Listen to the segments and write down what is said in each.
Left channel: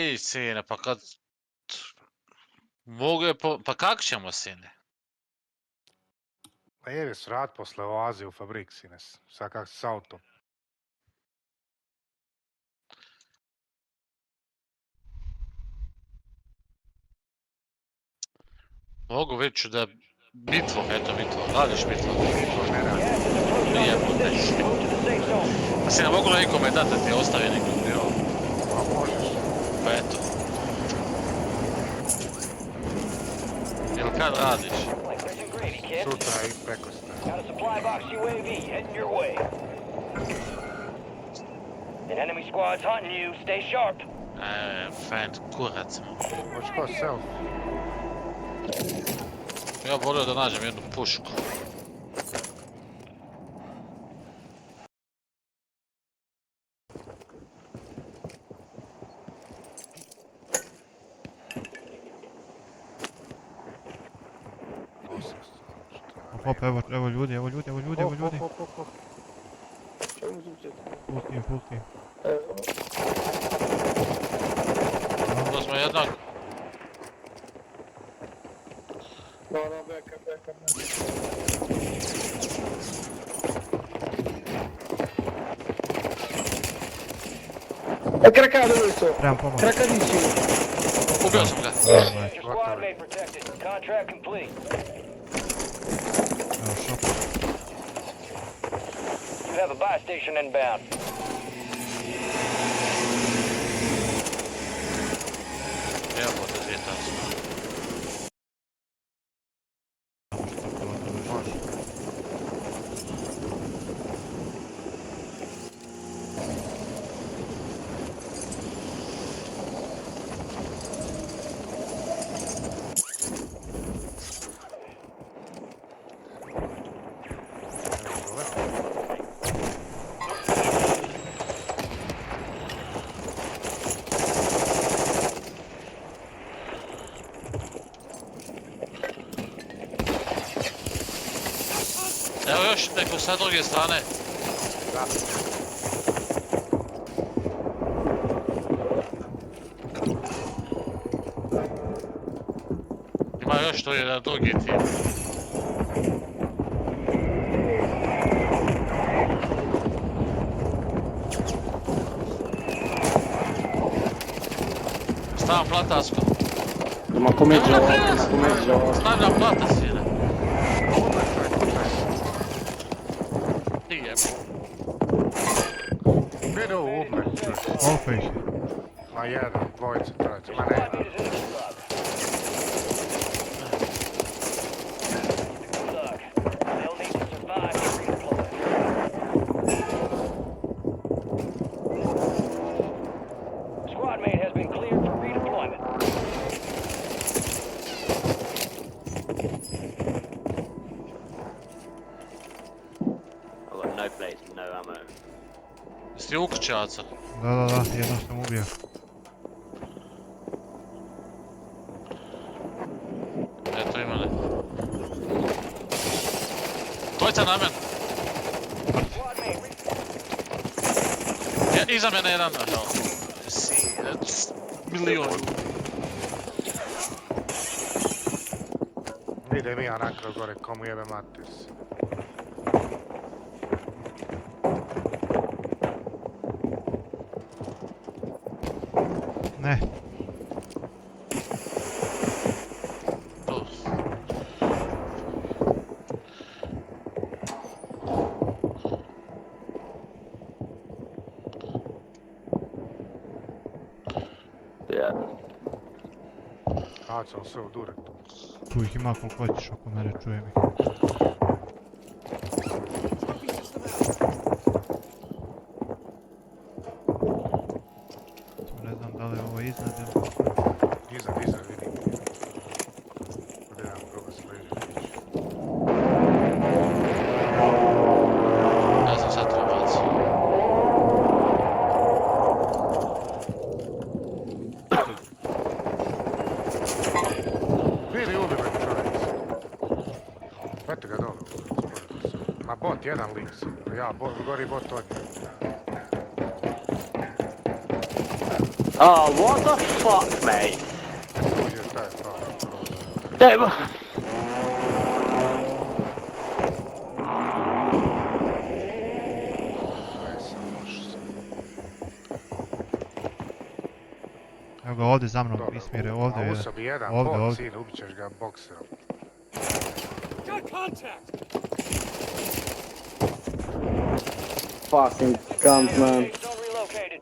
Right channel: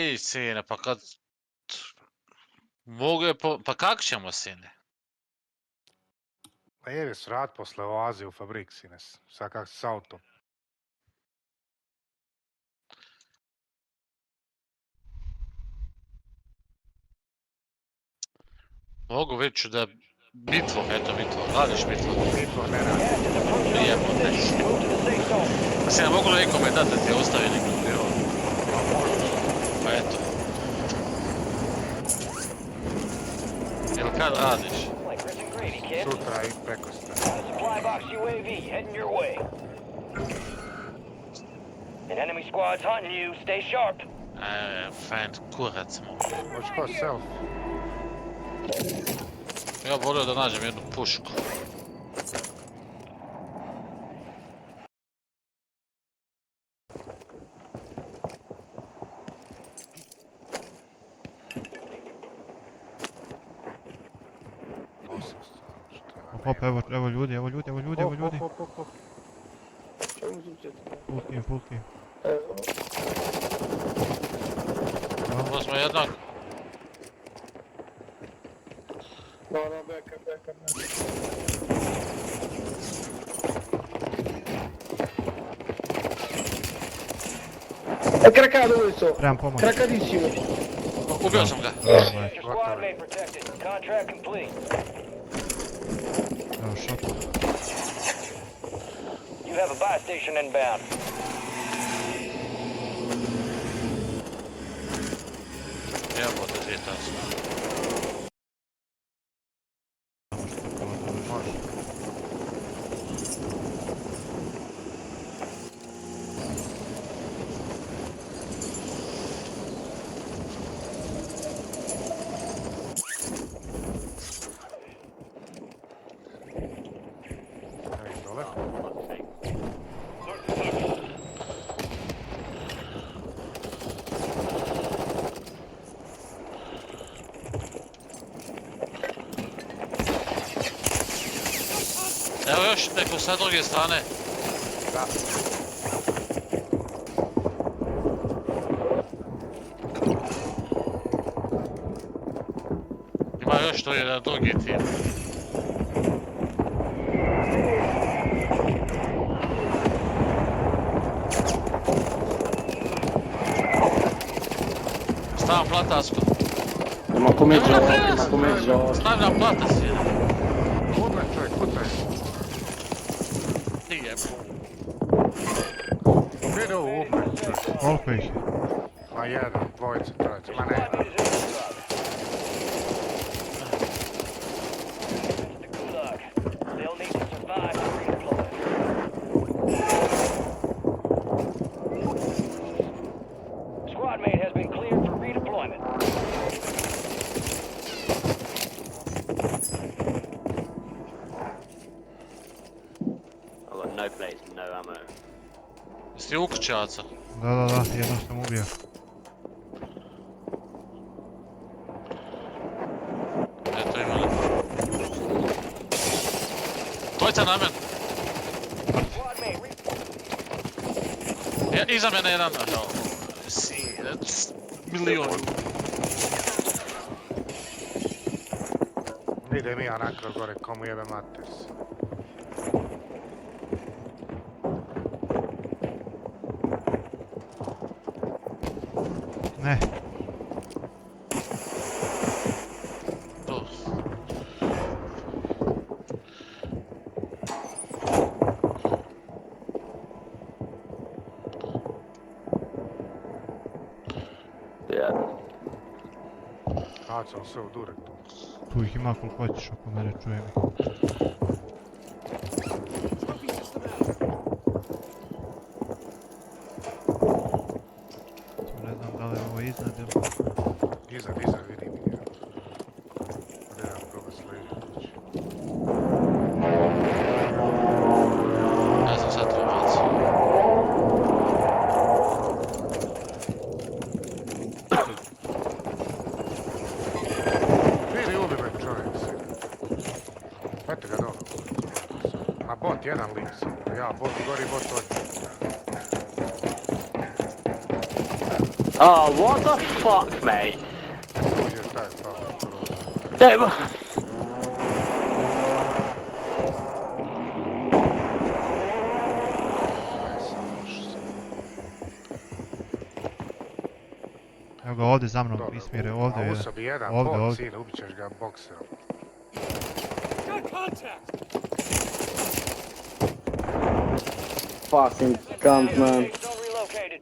Ej, sine, pa kad... Mogu je pa kako ćemo, sine? Pa jedi srat posle oaze u fabrik, sines. Sad kak si s autom. Mogu već da... Bitvo, eto bitvo, radiš bitvo. Bitvo ne radi. Gas is approaching on your Jebote. position. Move to the safe zone. Pa si ne mogu nekome dati da ti ostavi neku biro. Pa možeš. Pa eto. Jel kad radiš? Like Chris and Grady, kid. Sutra i preko sta. Got a supply box UAV heading your way. An enemy squad's hunting you. Stay sharp. Fan kurac mu. Hoćeš ko self? Ja bih volio da nađem jednu pušku. Hop, evo ljudi. Hop. Full team. Ovo smo jednak. No, backup. È craccato questo! Trebam pomoć. Craccatissimo! Ubio sam ga. Your squad mate protected. Contract complete. Evo shop. You have a buy station inbound. Jebote, zvijetao sam. Evo još neko sa druge strane. Da. Ima još to jedan drugi tim. Stavim platasko. Ma come gioca? Stavljam platas jedan. Kudaj čovjek, kudaj. Nije. Vidi ovo umre. Koliko ih je? Ma jedan, dvojica, trojica, ma ne. Squad mate is in the gulag. The gulag. They'll need to survive to redeploy. Squad mate has been cleared for redeployment. I've got no plates and no ammo. Jesi u kućaca? Da, jednom sam ubio. Eto ima ne. Dvojica na men. Squad mate Ja, iza mene jedan. Milion. Idem ja nakraj gore, komu jebe mater. Ne. Tu. Yeah. Bacam se u durek tu. Tu ih ima koliko hoćeš oko mene, čujem ih. Ne znam da li je ovo iznad ili... Iznad, vidim. Gledam koga sliđe. Ne znam sad to baci. Vidi ubi me čovjek. Pete ga dole. Ma bot, jedan lik si. Ja, gori bot od njega. Oh, what the fuck, mate? Uđe taj pao. Evo. Aj sam loš sam. Evo ga ovdje za mnom, Dobro, Ismire, ovdje a je. uso bi jedan Ovdje, bot, ovdje. sin, ubit ćeš ga bokserom. Fucking cunt, man. Safe zone relocated.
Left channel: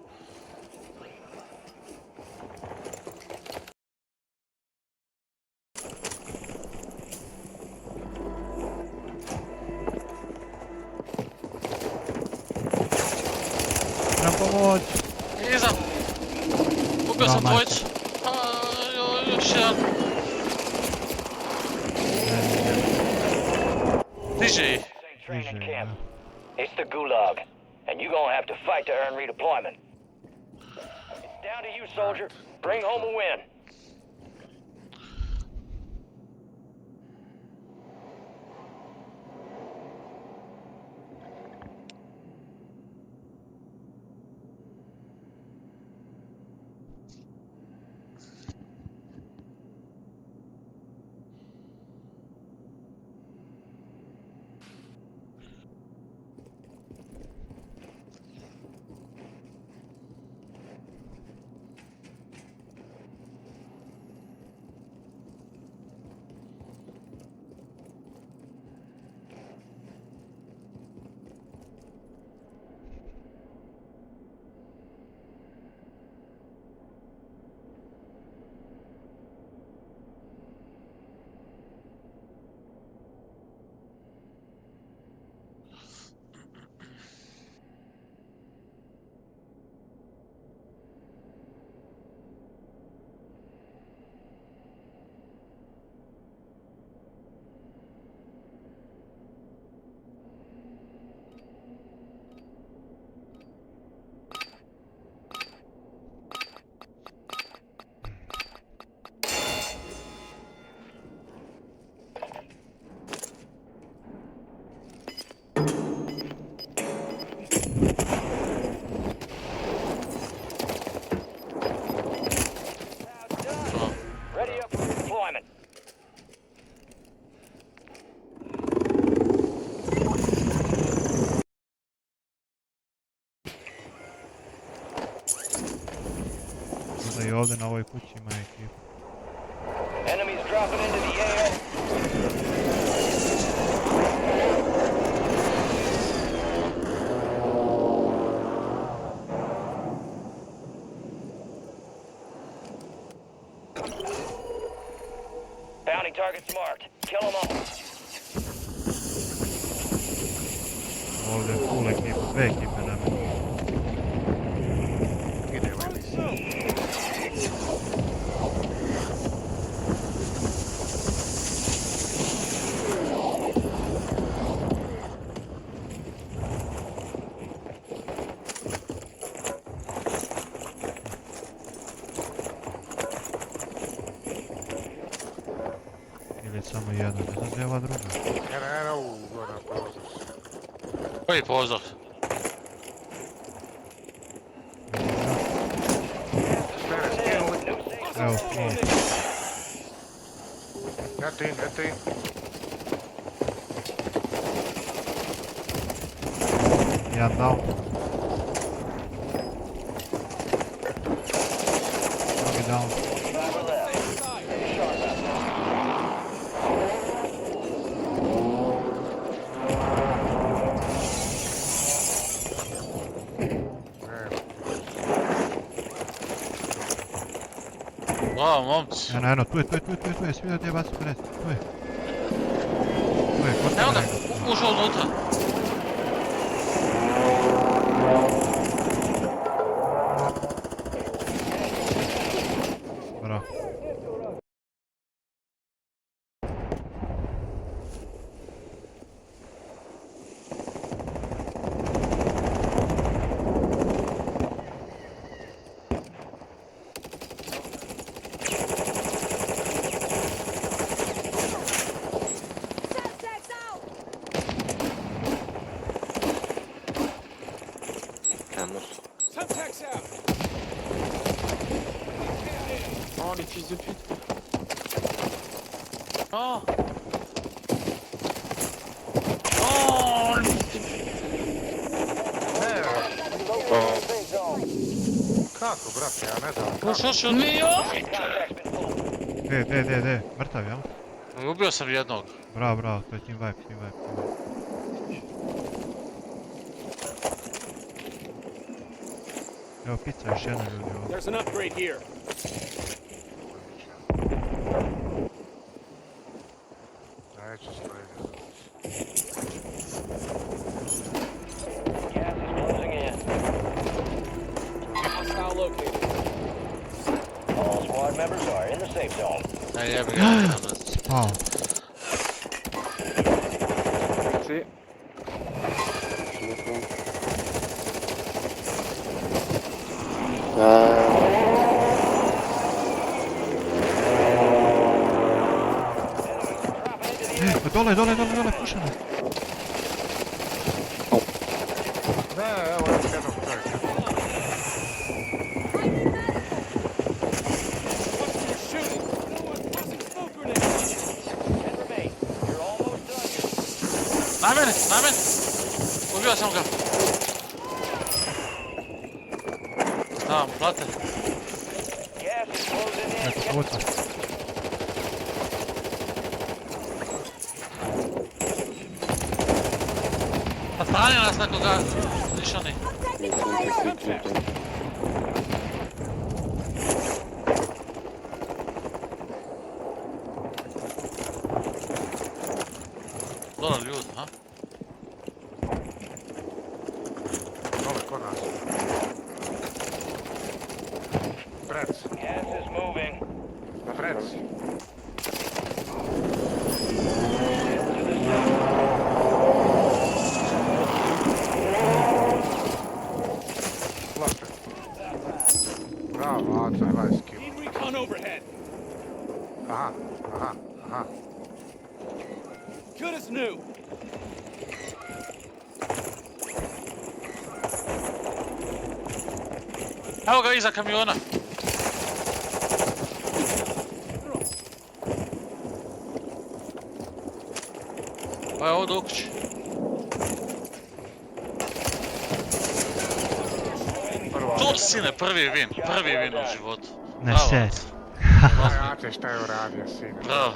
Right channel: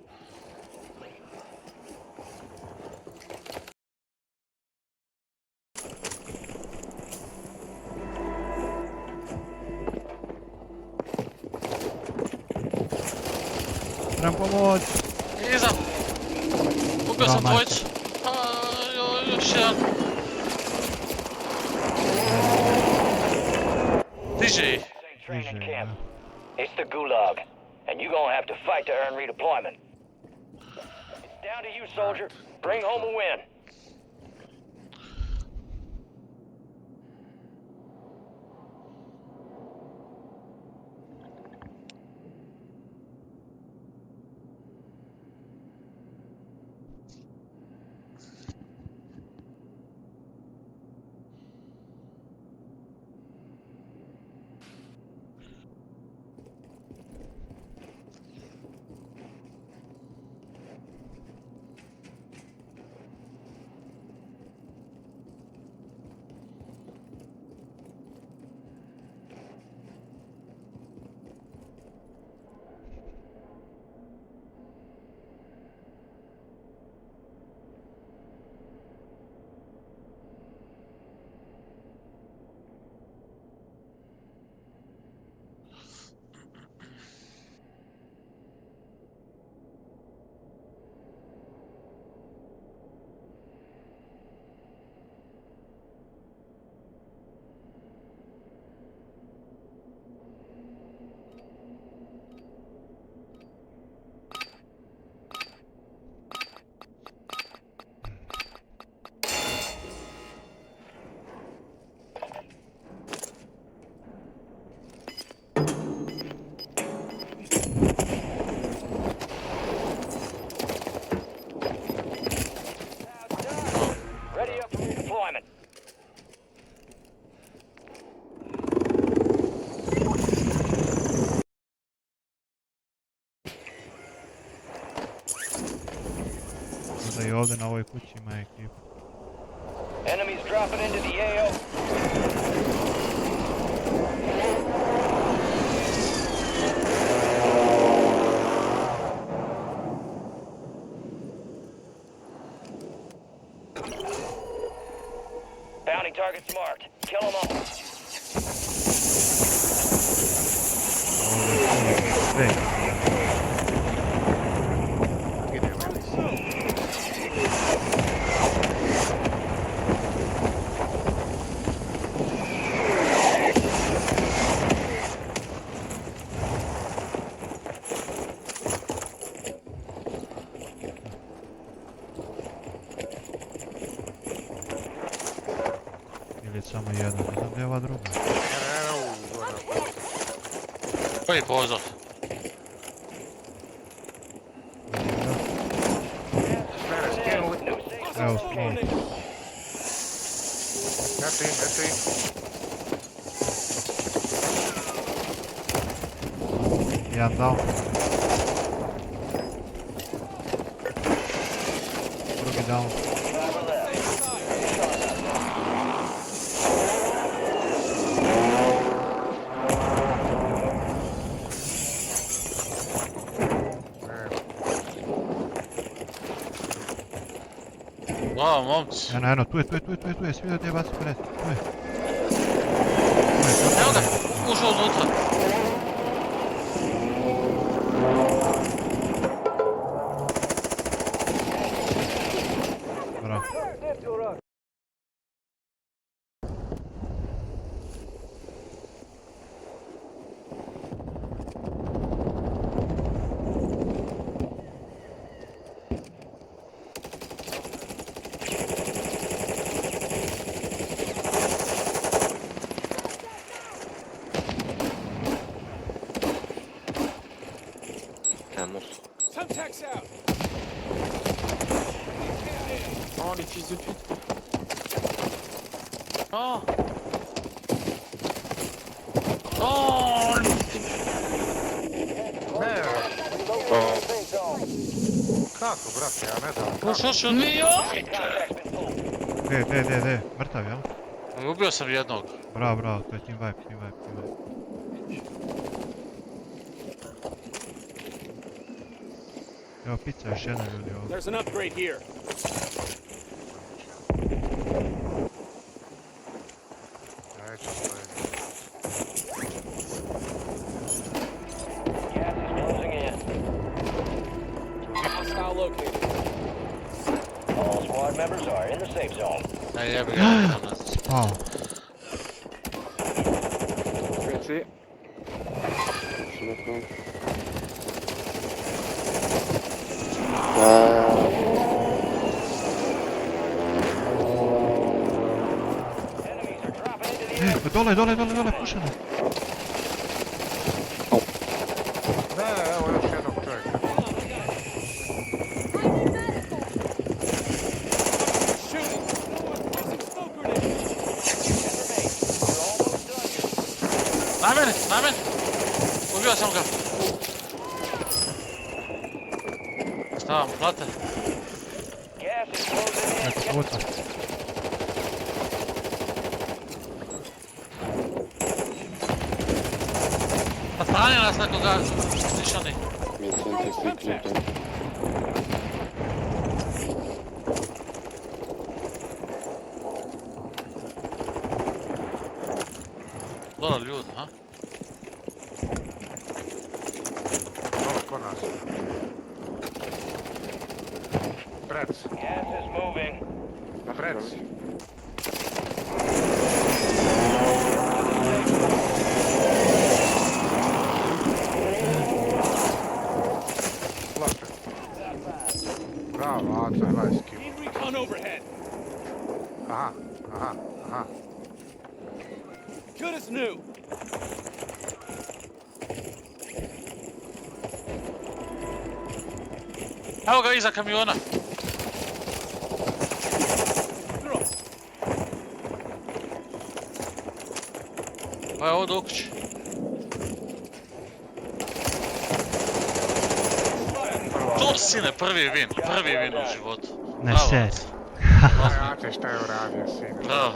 Trebam pomoć! Iza! Ubio Bravo, sam majko. dvojicu. Još jedan. Diže ih. Safe training Diže, camp. da. It's the Gulag, and you're gonna have to fight to earn redeployment. It's down to you, soldier. Bring home a win. Ready up for redeployment. Da i ovdje na ovoj kući ima ekipa. Enemies dropping into the AO. Bounty targets marked. Kill them all. Ovdje je full ekipa, sve ekipe da mi. Ide u emisiju. Ili samo jedan, ne znam gdje je ova druga. Ne, gore na prozor. Koji pozor? Spere, skinuli. New safe Evo, zone small. located. Eto im. Jedan down. Drugi down. Driver left. Bravo, momci. Eno, tu je, svi da ti je baci pred, tu je. Tu je, kod Evo ga, mene. ušao unutra. Bravo. Camels. Semtex out. Oh, les fils de pute. Oh! Oh! Ne, Safe zone. kako, brate, ja ne znam. Ko što su? Contact's been pulled. De, mrtav, jel? Ubio sam jednog. Bravo, to je team wipe. Evo pizza, još jedna ljudi ovdje. There's an upgrade here. Neću stojiti. Gas is closing in. Hostile located. All squad members are in the safe zone. Aj jebi ga, idem nas. Spao. Reci. Šukom. Enemies are dropping into the Dole, pušeno. Ne, evo još jednog čovjeka. Watch where you're shooting. Tossing smoke grenades. 10 remain. You're almost done here. Na meni! Ubio sam ga. Stavam, plate. Gas is closing in. Eto, Get puca. Pa strani nas nekoga stišani. Mi centri secret. Dole ljudi, ha? Dole, kod nas. Prec, Gas is moving. prec. Plaše. Bravo, Aca, 20 kilo. Need recon overhead. Aha. Good as new. Evo ga iza kamiona. Pa je ovdje u kući. To sine, prvi win u životu. Ne Bravo. seri. Aj, Ace, šta je uradio, sine? Bravo.